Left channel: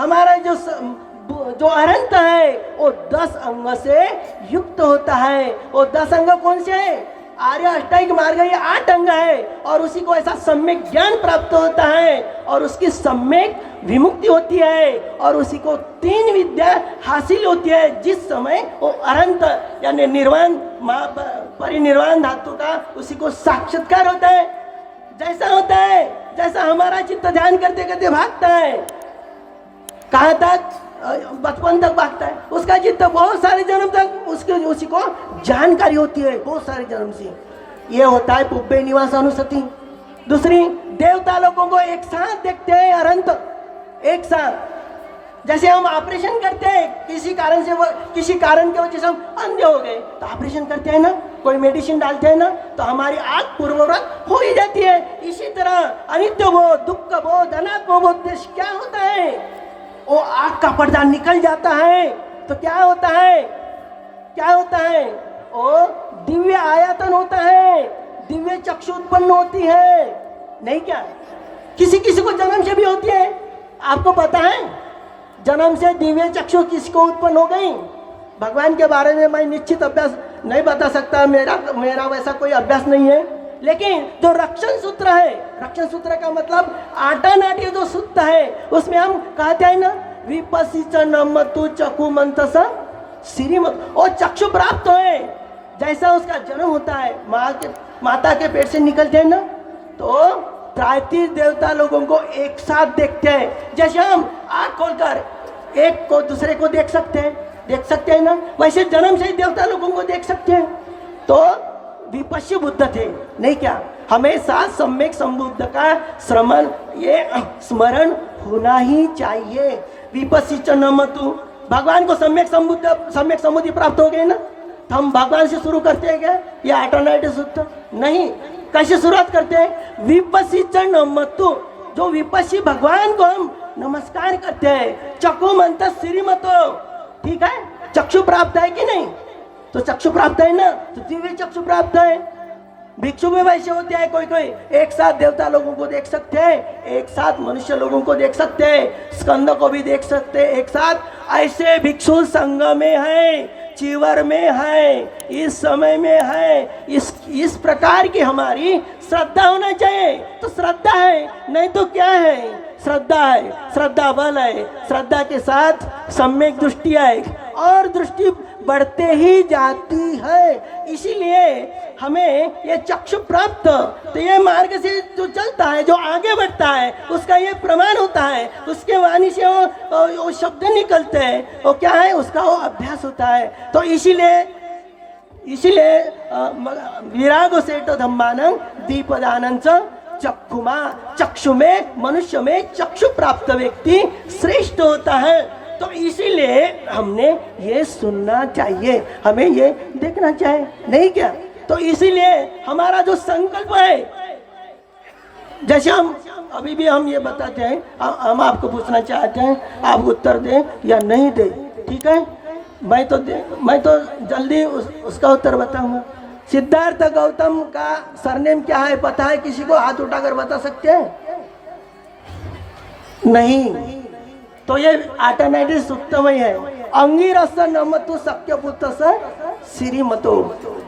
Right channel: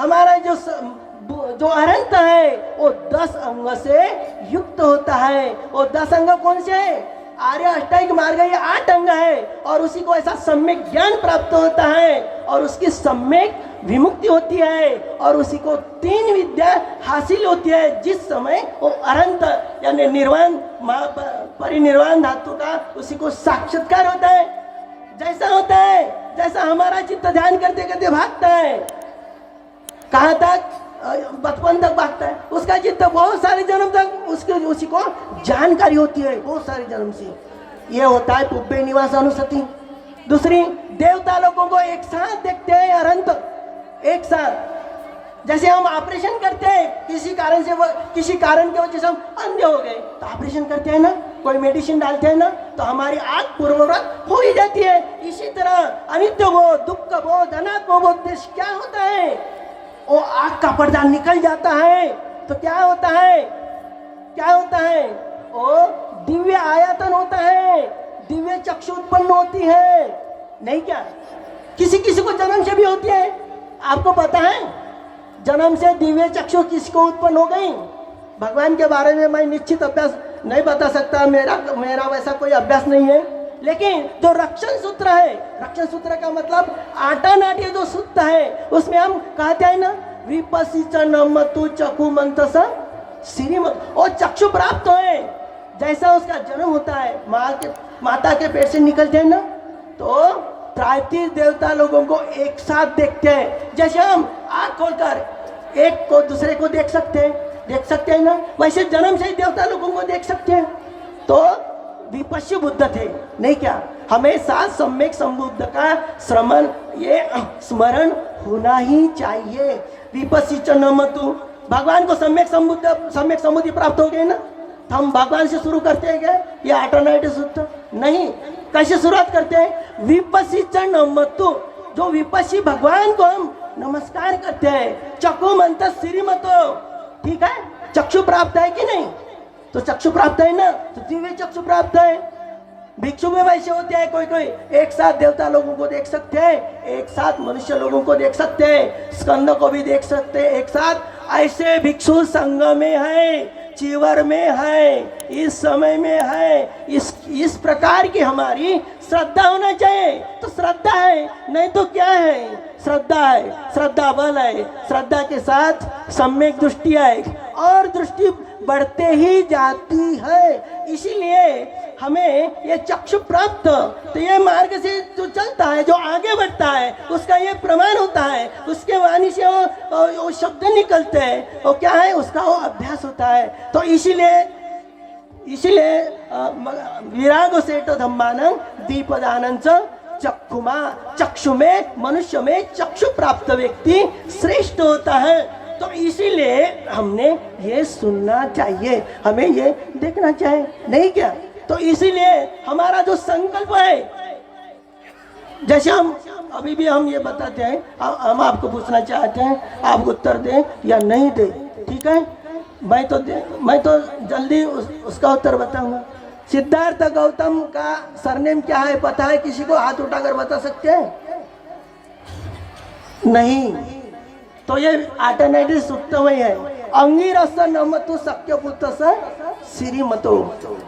हमारा जो अनंत है वो 10 अंग से युक्त होता है। वो 10 अंग कौन से है? आर्य अष्टांगिक मार्ग ये 8 अंग है, और उसी को ऐसा सम्यक ज्ञान प्राप्त होता है और उसकी सम्यक विमुक्ति होती है, और उसी को 3 विद्या हासिल होती है, जिस समय वो अनंत यानी निर्वाण परिनिर्वाण धातु का उसी को साक्षात्कार होता है। जैसा होता है, जैसा हमारा चित्त ध्यान करते करते भागता है, कहाँ तक? बचपन तक भागता है, उसका चित्त बहुत सारे जन्म तक उसी को जानकारी होती है, बहुत सारे जन्म से। ये होता है पुब्बे निवास अनुसति। दूसरी, देवता लोगों को एक साथ देखते हैं, अनंत एक साथ। जैसे हम ऑपरेशन करते हैं, किसी कारण की वजह से हम अंधे हो गए तो ऑपरेशन करते हैं ना, कोई मेडिसिन डालते हैं ना, तो हमारी आंख पूर्ववत हो ही जाती है। इसी तरह अनित्य बोध, दुख बोध, अनात्म बोध क्या होता है? वो आँख का पर्दा निकल जाता है तो क्या होता है? क्या होता है? वो दिव्य आयतन होता है, दिव्य चक्षु उत्पन्न होती है, नहीं क्या? किसी किसी को जन्म से भी होती है। आपको पता है जन्म से दिव्य चक्षु किसको उत्पन्न हो गई? भगवान के बारे में मैं निश्चित अभ्यास नहीं बता सकता, मेरा वैसा कोई अभ्यास नहीं है। लेकिन जो रक्षण सूत्र है, रक्षण सूत्र का मतलब आटानाटी जो सूत्र है, उसमें हम कहते हैं ना, विपसीच नमतु चक्षु मंतस श्रीमत, वो चक्षु प्राप्त है। जैसा उसका जन्म होता है, माता के पेट से निकलते हैं ना, तो 33 देवता लोगों को एक साथ देखते हैं। जैसे हम आँख खोलकर एक को दूसरे को देख सकते हैं ना, वैसे जन्म से ही देवता लोगों को देख सकते हैं। तो विपश्य बुद्ध थे, नहीं क्या? हमेशा सम्यक संबुद्ध का स्मरण होना ही चाहिए। विपश्य नमतु, भगवान को सम्यक संबुद्धि प्राप्त हो गए ना, तो हम भगवान से शुरू करते हैं क्या? ये ऑटोमेटिक सूत्र नहीं। कैसे शुरुआत करते हैं? विपश्य नमतु, जो विपश्य भगवान को हम नमस्कार करते हैं। चक्षु मंत श्रीमतो, ठीक है? चक्षु प्राप्त है कि नहीं? तो चक्षु प्राप्त है ना, तो दिव्य चक्षु प्राप्त है। भिक्षु में वैसे होते हैं, कोई एक साथ देवता लोगों को देख सकते हैं, एक साथ मनुष्य लोगों को देख सकते हैं, स्कंद को भी देख सकते हैं एक साथ। ऐसे भिक्षु संघ में है, चीवर में है, इस समय में है। इस प्रकार की हमारी श्रद्धा होना चाहिए। तो श्रद्धा है, नहीं तो क्या है? श्रद्धा है, श्रद्धा बल है। श्रद्धा के साथ सम्यक दृष्टि है, और दृष्टि बढ़ते ही जाती है। इसीलिए हमें ये चक्षु प्राप्त, तो ये मार्ग से जो चलता है, जो आगे बढ़ता है, उसका ये प्रमाण होता है। उसके वाणी से वो शब्द निकलते हैं, वो क्या है? उसका वो अभ्यास होता है। तो इसीलिए विराग सेठ धम्मानं दीपदानंच चक्षुमा, चक्षु में, मनुष्य में चक्षु प्राप्त व्यक्ति श्रेष्ठ होता है। तो इसीलिए हमने ये सुनना चाहिए, हमें ये देखना चाहिए, नहीं क्या? तो इसीलिए हमारा जो संकल्प है, जैसे अभी भी हम ये बताते हैं, हम आपको पूछना चाहते हैं, आप उत्तर दें या नहीं दें, ठीक है? मैं तो जल्दी उसका उत्तर बताऊंगा। सिद्धार्थ गौतम का सरनेम क्या है पता है? किसी को हाथ उठाकर बता सकते हैं? नहीं। तो ये ऑटोमेटिक सूत्र में है। अंगिरस नमतु शक्य पुत्र श्रीमतो,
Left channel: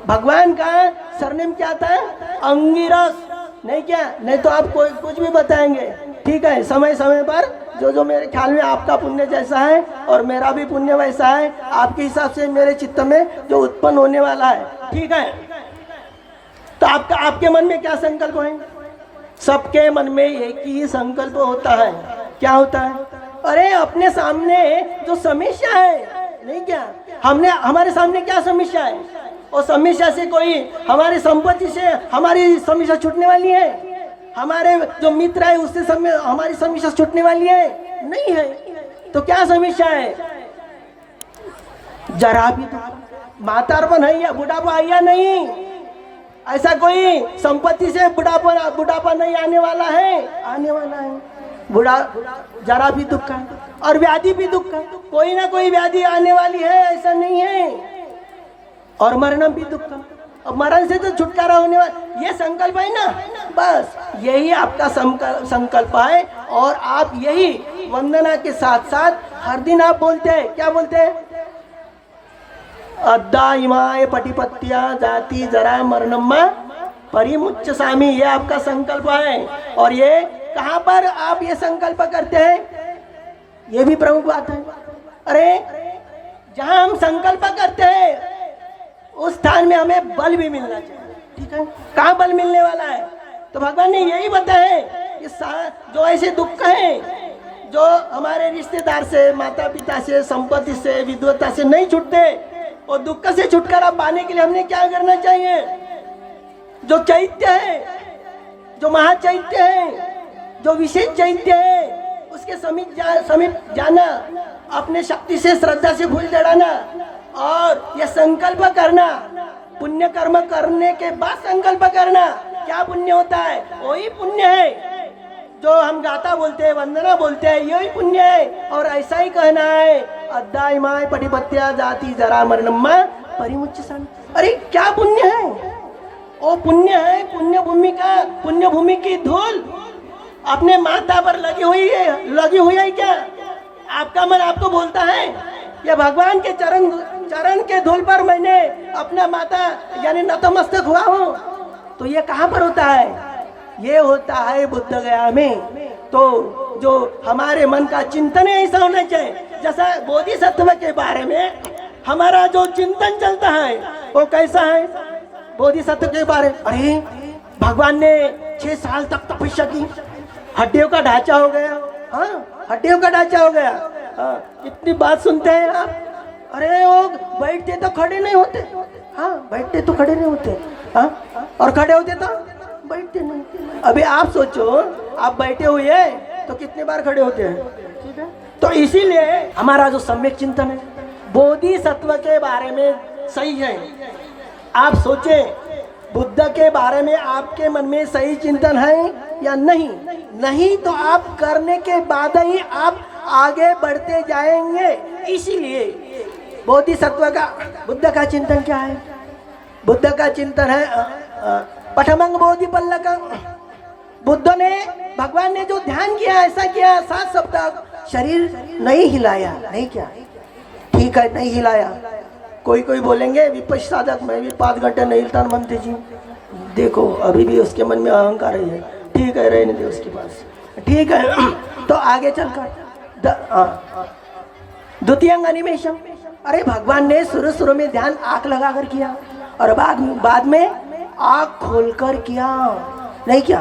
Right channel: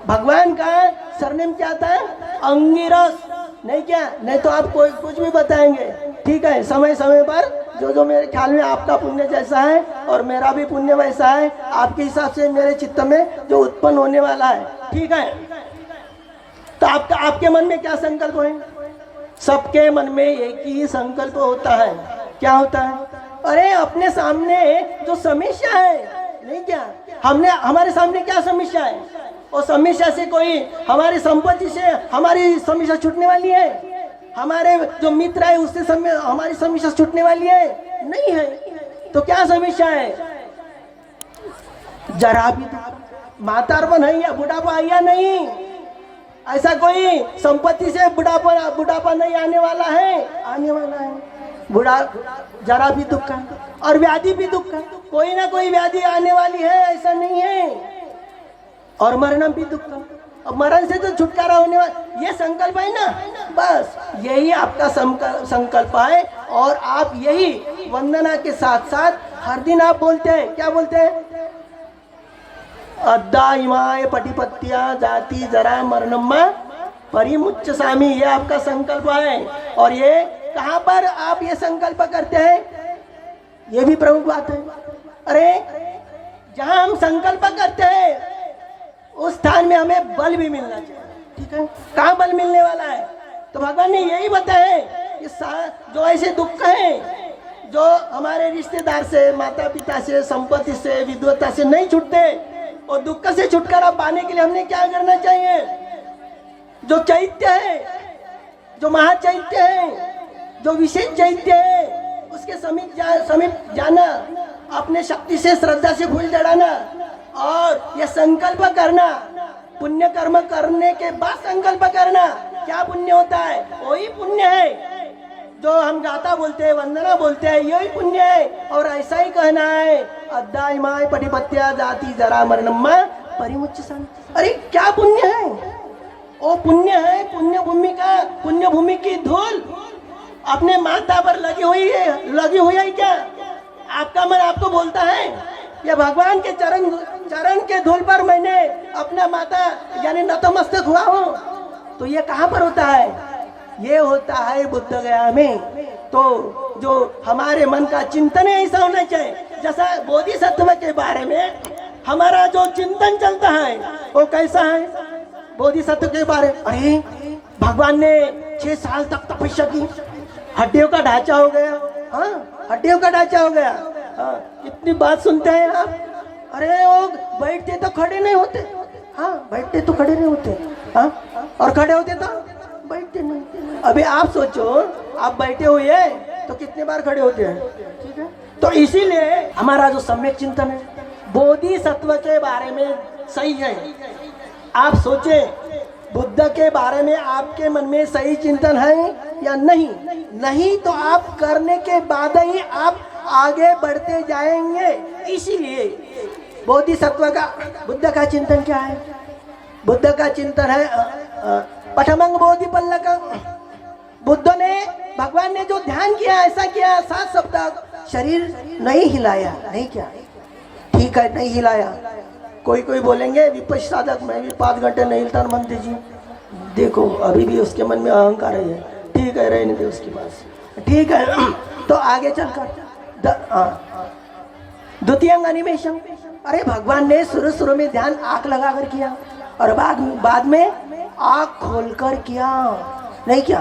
भगवान का सरनेम क्या था? अंगिरस, नहीं क्या? नहीं तो आप कोई कुछ भी बताएंगे, ठीक है? समय समय पर जो मेरे ख्याल में आपका पुण्य जैसा है और मेरा भी पुण्य वैसा है, आपके हिसाब से मेरे चित्त में जो उत्पन्न होने वाला है, ठीक है? तो आपके मन में क्या संकल्प है? सबके मन में एक ही संकल्प होता है। क्या होता है? अरे अपने सामने जो समस्या है, नहीं क्या? हमारे सामने क्या समस्या है? वो समस्या से कोई हमारी संपत्ति से हमारी समस्या छूटने वाली है? हमारे जो मित्र है उससे हमारी समस्या छूटने वाली है? नहीं है। तो क्या समस्या है? जरा भी मातारपन है या बुढ़ापा है या नहीं? ऐसा कोई संपत्ति से बुढ़ापा नहीं आने वाला है? आने वाला है। जरा भी दुख है, और व्याधि भी दुख है। कोई ना कोई व्याधि आने वाली है, ऐसा नहीं है। और मरण भी दुख है। मरण से तो छुटकारा होने वाला, ये संकल्प है ना, बस यही आपका संकल्प है। और आप यही वंदना के साथ साथ हर दिन आप बोलते हैं, क्या बोलते हैं? अद्दा इमाय पटिपत्या जाति जरा मरणम्मा परिमुच्च सामी, ये आपका संकल्प है। और ये कहाँ पर आप ये संकल्प करते हैं? ये भी प्रमुख बात है। अरे जहां हम संकल्प करते हैं उस स्थान में हमें बल भी मिलना चाहिए, ठीक है? कहाँ बल मिलने वाला है? तो भगवान ने यही बताया कि जो ऐसे दुख हैं जो हमारे रिश्तेदार से, माता पिता से, संपत्ति से, विद्वता से नहीं छूटते, और दुख से छुटकारा पाने के लिए हमने क्या करना चाहिए? जो चैत्य है, जो महाचैत्य है, जो विशेष चैत्य है, उसके समीप जाना, अपने शक्ति से श्रद्धा से फूल चढ़ाना और यह संकल्प करना, पुण्य कर्म करने के बाद संकल्प करना। क्या पुण्य होता है? वही पुण्य है जो हम गाथा बोलते हैं, वंदना बोलते हैं, यही पुण्य है। और ऐसा ही कहना है, अद्दाय माय पटिपत्या जाति जरा मरणम्मा परिमुच्च शांति। अरे क्या पुण्य है? वो पुण्य है, पुण्य भूमि की धूल अपने माथा पर लगी हुई है क्या? आपका मन आपको बोलता है या भगवान के चरण के धूल पर मैंने अपना माथा यानी नतमस्तक हुआ हूँ? तो ये कहाँ पर होता है? ये होता है बुद्ध गया में। तो जो हमारे मन का चिंतन है ऐसा होना चाहिए, जैसा बोधिसत्व के बारे में हमारा जो चिंतन चलता है वो कैसा है? बोधिसत्व के बारे, अरे भगवान ने 6 साल तक तपस्या की, हड्डियों का ढांचा हो गया, हाँ हड्डियों का ढांचा हो गया, हाँ इतनी बात सुनते हैं आप। अरे वो बैठते तो खड़े नहीं होते, हाँ बैठते तो खड़े नहीं होते, हाँ और खड़े होते तो बैठते नहीं। अभी आप सोचो, आप बैठे हुए हैं तो कितने बार खड़े होते हैं, ठीक है? तो इसीलिए हमारा जो सम्यक चिंतन है बोधिसत्व के बारे में सही है। आप सोचे बुद्ध के बारे में आपके मन में सही चिंतन है या नहीं? नहीं तो आप करने के बाद ही आप आगे बढ़ते जाएंगे। इसीलिए बोधिसत्व का, बुद्ध का चिंतन क्या है? बुद्ध का चिंतन है पठमंग बोधि पल्लकं। बुद्ध ने, भगवान ने जो ध्यान किया, ऐसा किया 7 सप्ताह शरीर नहीं हिलाया, नहीं क्या, ठीक है नहीं हिलाया। कोई बोलेंगे विपश्य साधक मैं भी 5 घंटे नहीं हिलता मनते जी, देखो अभी भी उसके मन में अहंकार है, ठीक है रहने दे उसके पास, ठीक है। तो आगे चलकर द्वितीय अनिमेषम, अरे भगवान ने शुरू में ध्यान आंख लगा कर किया और बाद में आंख खोलकर किया, नहीं क्या?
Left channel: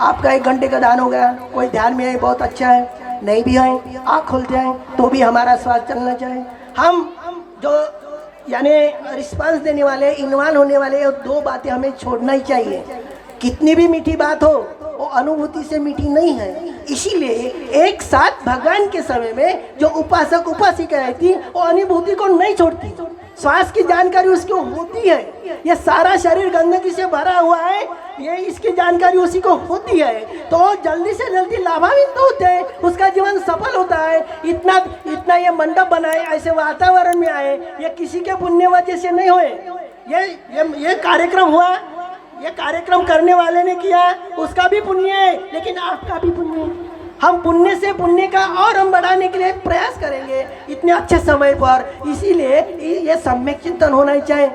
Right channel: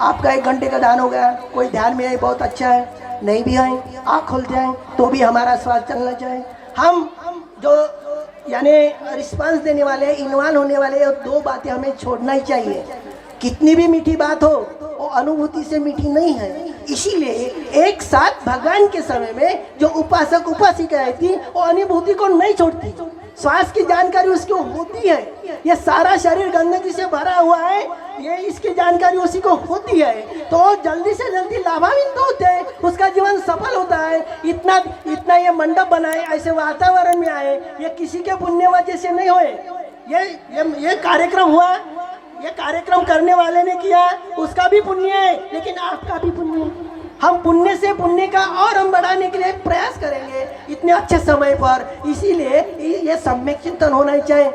आपका 1 घंटे का ध्यान हो गया, कोई ध्यान में है बहुत अच्छा है, नहीं भी है आंख खोलते हैं तो भी हमारा श्वास चलना चाहिए। हम जो यानी रिस्पांस देने वाले, इन्वॉल्व होने वाले, 2 बातें हमें छोड़ना ही चाहिए। कितनी भी मीठी बात हो वो अनुभूति से मीठी नहीं है। इसीलिए एक साथ भगवान के समय में जो उपासक उपासिका रहती वो अनुभूति को नहीं छोड़ती, श्वास की जानकारी उसको होती है। ये सारा शरीर गंदगी से भरा हुआ है, ये इसकी जानकारी उसी को होती है, तो जल्दी से जल्दी लाभान्वित होते हैं, उसका जीवन सफल होता है। इतना ये मंडप बनाए, ऐसे वातावरण में आए, ये किसी के पुण्य वजह से नहीं हुए। ये कार्यक्रम हुआ, ये कार्यक्रम करने वाले ने किया, उसका भी पुण्य है, लेकिन आपका भी पुण्य है। हम पुण्य से पुण्य का और हम बढ़ाने के लिए प्रयास करेंगे इतने अच्छे समय पर। इसीलिए ये सम्यक चिंतन होना ही चाहिए।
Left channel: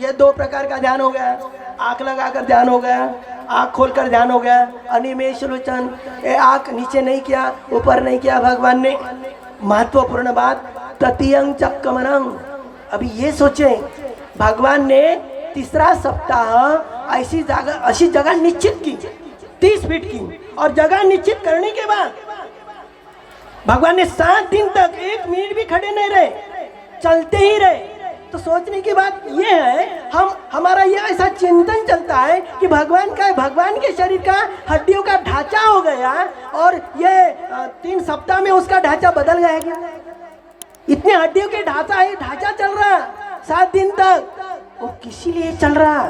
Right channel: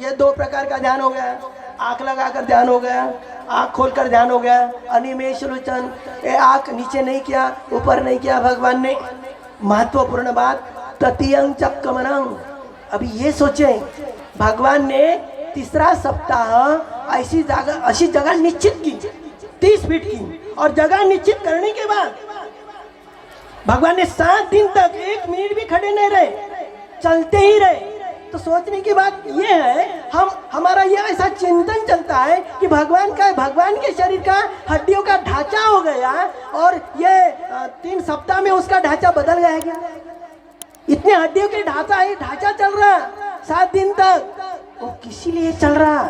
ये 2 प्रकार का ध्यान हो गया, आंख लगाकर ध्यान हो गया, आंख खोलकर ध्यान हो गया, अनिमेष लोचन, आंख नीचे नहीं किया, ऊपर नहीं किया भगवान ने। महत्वपूर्ण बात तृतीयं चक्रमणं। अभी ये सोचे भगवान ने 3रा सप्ताह ऐसी जगह निश्चित की, 30 फीट की, और जगह निश्चित करने के बाद भगवान ने 7 दिन तक 1 मिनट भी खड़े नहीं रहे, चलते ही रहे। तो सोचने की बात ये है, हमारा ये ऐसा चिंतन चलता है कि भगवान के शरीर का हड्डियों का ढांचा हो गया और ये 3 सप्ताह में उसका ढांचा बदल गया क्या? इतने हड्डियों के ढांचा चल रहा 7 दिन तक, वो किसी लिए चल रहा?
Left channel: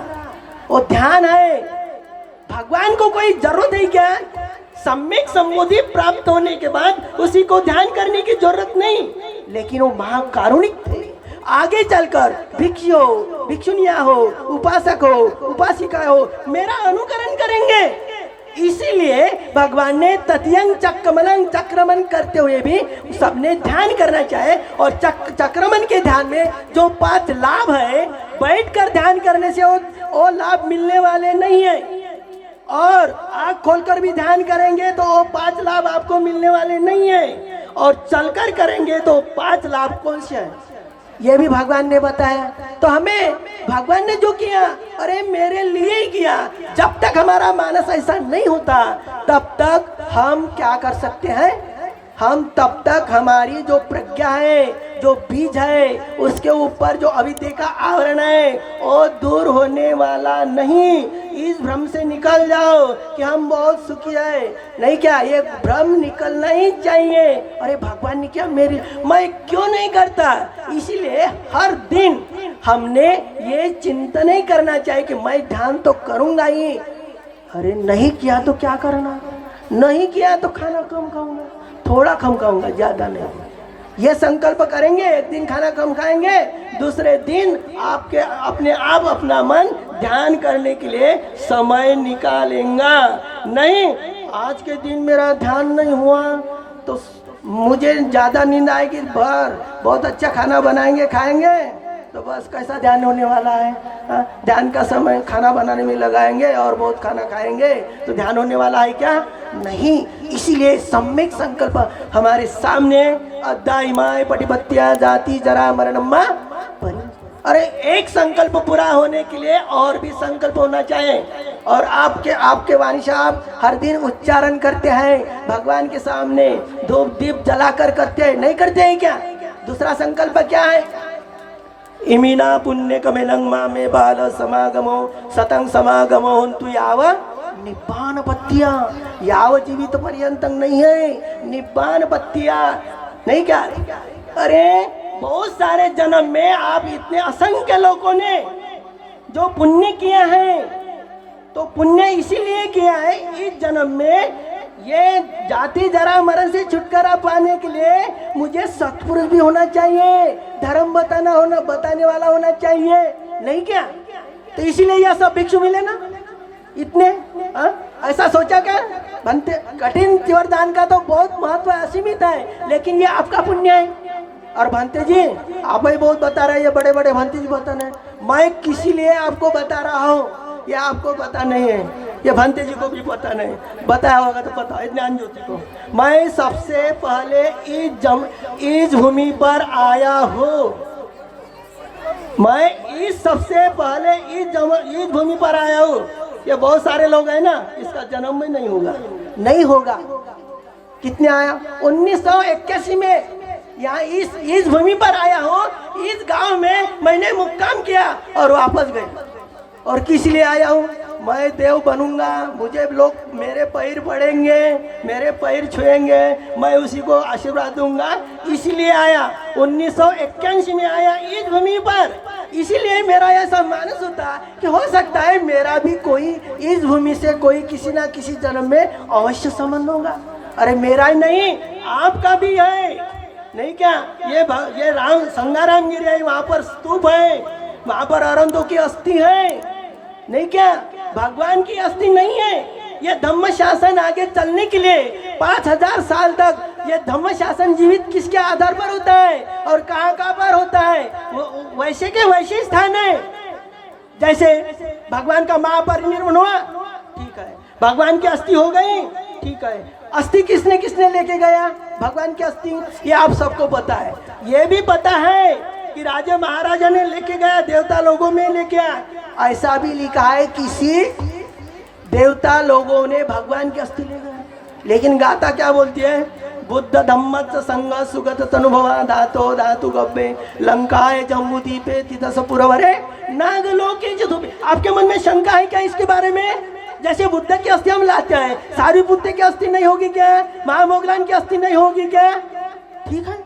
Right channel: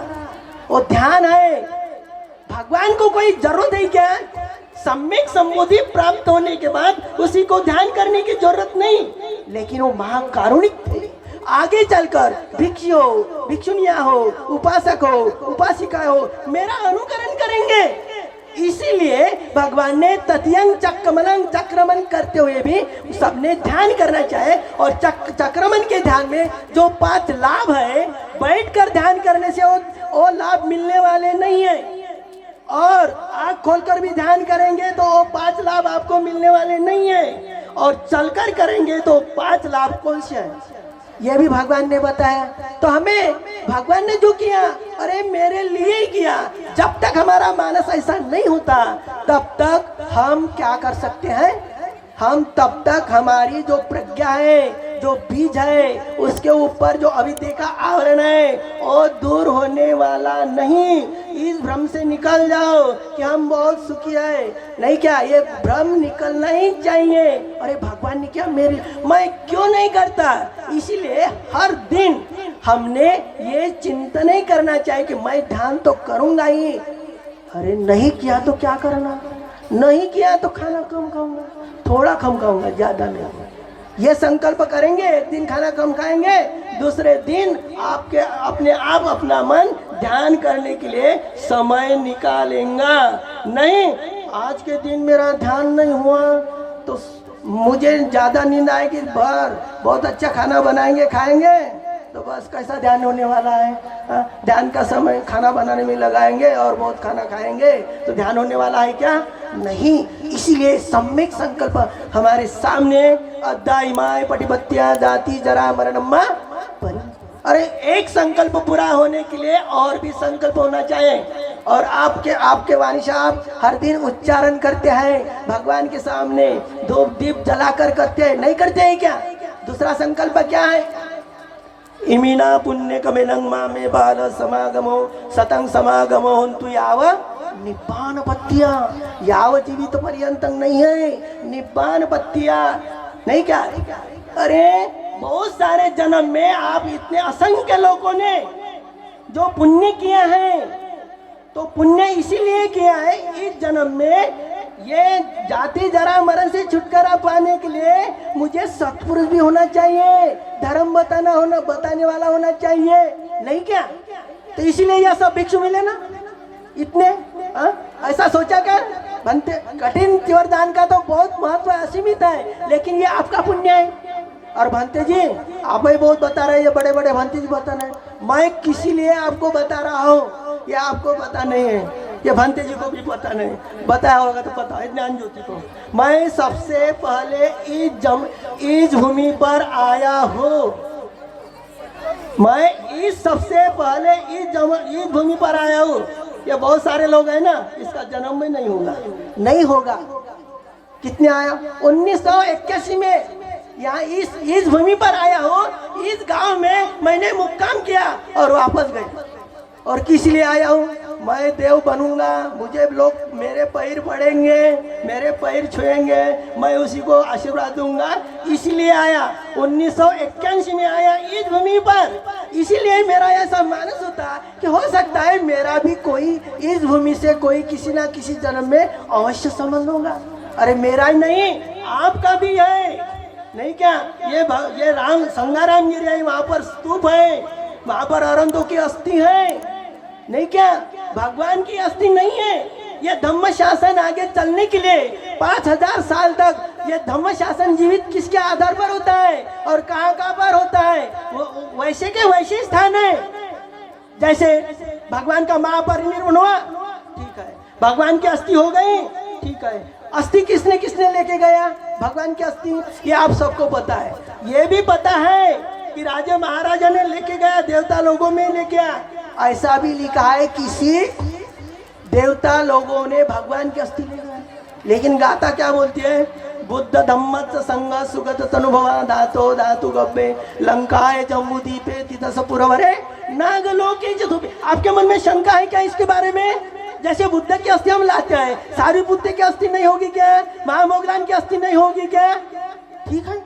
वो ध्यान है। भगवान को कोई जरूरत है क्या? सम्यक संबोधि प्राप्त होने के बाद उसी को ध्यान करने की जरूरत नहीं, लेकिन वो महाकारुणिक थे। आगे चलकर भिक्षु हो, भिक्षुनिया हो, उपासक हो, उपासिका हो, मेरा अनुकरण करेंगे। इसीलिए भगवान ने तत्यंग चक्रमन चक्रमन करते हुए भी सबने ध्यान करना चाहे। और चक्रमन के ध्यान में जो 5 लाभ है, बैठकर ध्यान करने से वो लाभ मिलने वाले नहीं है। और आँख खोलकर भी ध्यान करेंगे तो वो 5 लाभ आपको मिलने वाले नहीं है। और चलकर करेंगे तो 5 लाभ कौन से हैं, ये भी भगवान ने बताया। तो हमें भगवान ने जो किया, अरे मेरे लिए ही किया। जब तक हमारा मानस ऐसा नहीं होता तब तक हम क्या कर सकते हैं, हम तब तक हमारी जो प्रज्ञा है, जो बीज है, उसके ऊपर जो अविद्या का आवरण है वो दूर होने वाला नहीं। इस भ्रम से निकल जाओ कि हम बहुत सुखी है, नहीं क्या, ये भ्रम निकलना ही चाहिए। अरे भगवान ने क्या, मेरी मैं क्यों नहीं करता। इसीलिए हर दिन हमने ये चिंतन नहीं करना चाहिए कि मैं ध्यान तो करूंगा ही। अरे नहीं किया तो क्या करना, नहीं किया तो खाना कम खाऊंगा, थोड़ा कम खाऊंगा, ज्यादा नहीं। ये संकल्प करेंगे, एक दिन खाना कम खाएंगे, दूसरे दिन आपके अपने आप अपना मन ध्यान करने के लिए समय निकालेंगे। नहीं, आज के दिन मेरा ध्यान नहीं हुआ तो मुझे ज्यादा नींद आएगी, बहुत अच्छा खाना बनाएंगे खाएंगे तो बस कैसा ध्यान होने वाला है। ध्यान का समय खाना बनाने में लगाएंगे और बहुत खाना खाएंगे तो ध्यान होने वाला है क्या, नहीं। इसीलिए सम्यक संकल्प हमारे सामने, अद्दाइमाय पटिपत्या जाति जरा मरणम्मा। अरे एक संकल्प पूरा होने के लिए और भी संकल्प होना चाहिए। और आपके वाणी साहब हर दिन उच्चारण करते हैं भगवान के सामने, धूप दीप जलाकर करते हैं, नहीं करते हैं क्या। दूसरा संकल्प क्या है, इमिना पुण्य कमेलंग मामे बाल समागमो सतंग समागमो हंतु याव निब्बान पत्तिया, याव जीवित पर्यंतंग नहीं है, निब्बान पत्तिया, नहीं क्या। अरे बहुत सारे जन्म में आप इतने असंख्य लोगों ने जो पुण्य किया है, तो पुण्य इसीलिए किया है इस जन्म में ये जाति जरा मरण से छुटकारा पाने के लिए मुझे सत्पुरुष भी होना चाहिए, धर्म बताने वाला होना चाहिए, नहीं क्या। तो इसीलिए यह सब भिक्षु मिले ना इतने, ऐसा सोचा क्या। बनते कठिन वरदान का तो बहुत महत्व असीमित है, लेकिन ये आपका पुण्य है। और भंते जी आप ही बहुत बता रहे हैं, ये बड़े बड़े भंते जी बता रहे हैं, मैं किसी लिए आपको बता रहा हूँ, ये आपको पता नहीं है, ये भंते जी को भी पता नहीं, बताया होगा तो पता है ज्ञान ज्योति को। मैं सबसे पहले इस भूमि पर आया हूँ, मैं सबसे पहले इस भूमि पर आया हूँ। ये बहुत सारे लोग हैं ना, इसका जन्म में नहीं होगा, नहीं होगा। कितने आया, 1981 में यहाँ इस भूमि पर आया हूँ, इस गांव में मैंने मुक्काम किया और वापस गए। और किस लिए आया हूँ, मैं देव बनूंगा, मुझे लोग मेरे पैर पड़ेंगे, मेरे पैर छुएंगे, मैं उसी को आशीर्वाद दूंगा, इसलिए आया। 1981 में आया इस भूमि पर। इसीलिए मेरा ऐसा मानस होता कि हो सकता है मेरा भी कोई इस भूमि से कोई किसी ना किसी जन्म में अवश्य संबंध होगा। अरे मेरा ही नहीं, आपका भी है, नहीं क्या। ये राम संगाराम गिरी है, वहाँ पर स्तूप है, वहाँ पर अरंतों की अस्थि है, नहीं क्या, भगवान की अस्थि नहीं है। ये धम्म शासन आगे चलने के लिए 5000 साल तक ये धम्म शासन जीवित किसके आधार पर होता है और कहाँ पर होता है, वैसे के वैसे स्थान है। जैसे भगवान का महापरिनिर्वाण हुआ, ठीक है, भगवान की अस्थि हो गई, ठीक है, अस्थि किसने लेके गया, भगवान की अस्थि, ये आप सबको पता है। ये भी पता है कि राजा महाराजा ने लेके गया, देवता लोगों में लेके आया, ऐसा भी लिखा है किसी देवता लोगों ने भगवान की अस्थि ले गया। लेकिन गाथा क्या बोलती है, बुद्ध धम्मच संग सुगत तनुभवा धातो धातु गब्बे लंकाए जम्मू दीपे तितस पुरवरे नागलोके जधुपे। आपके मन में शंका है क्या इसके बारे में। जैसे बुद्ध की अस्थि हम लाते हैं, सारी बुद्ध की अस्थि नहीं होगी क्या, महामोगलान की अस्थि नहीं होगी क्या, ठीक है,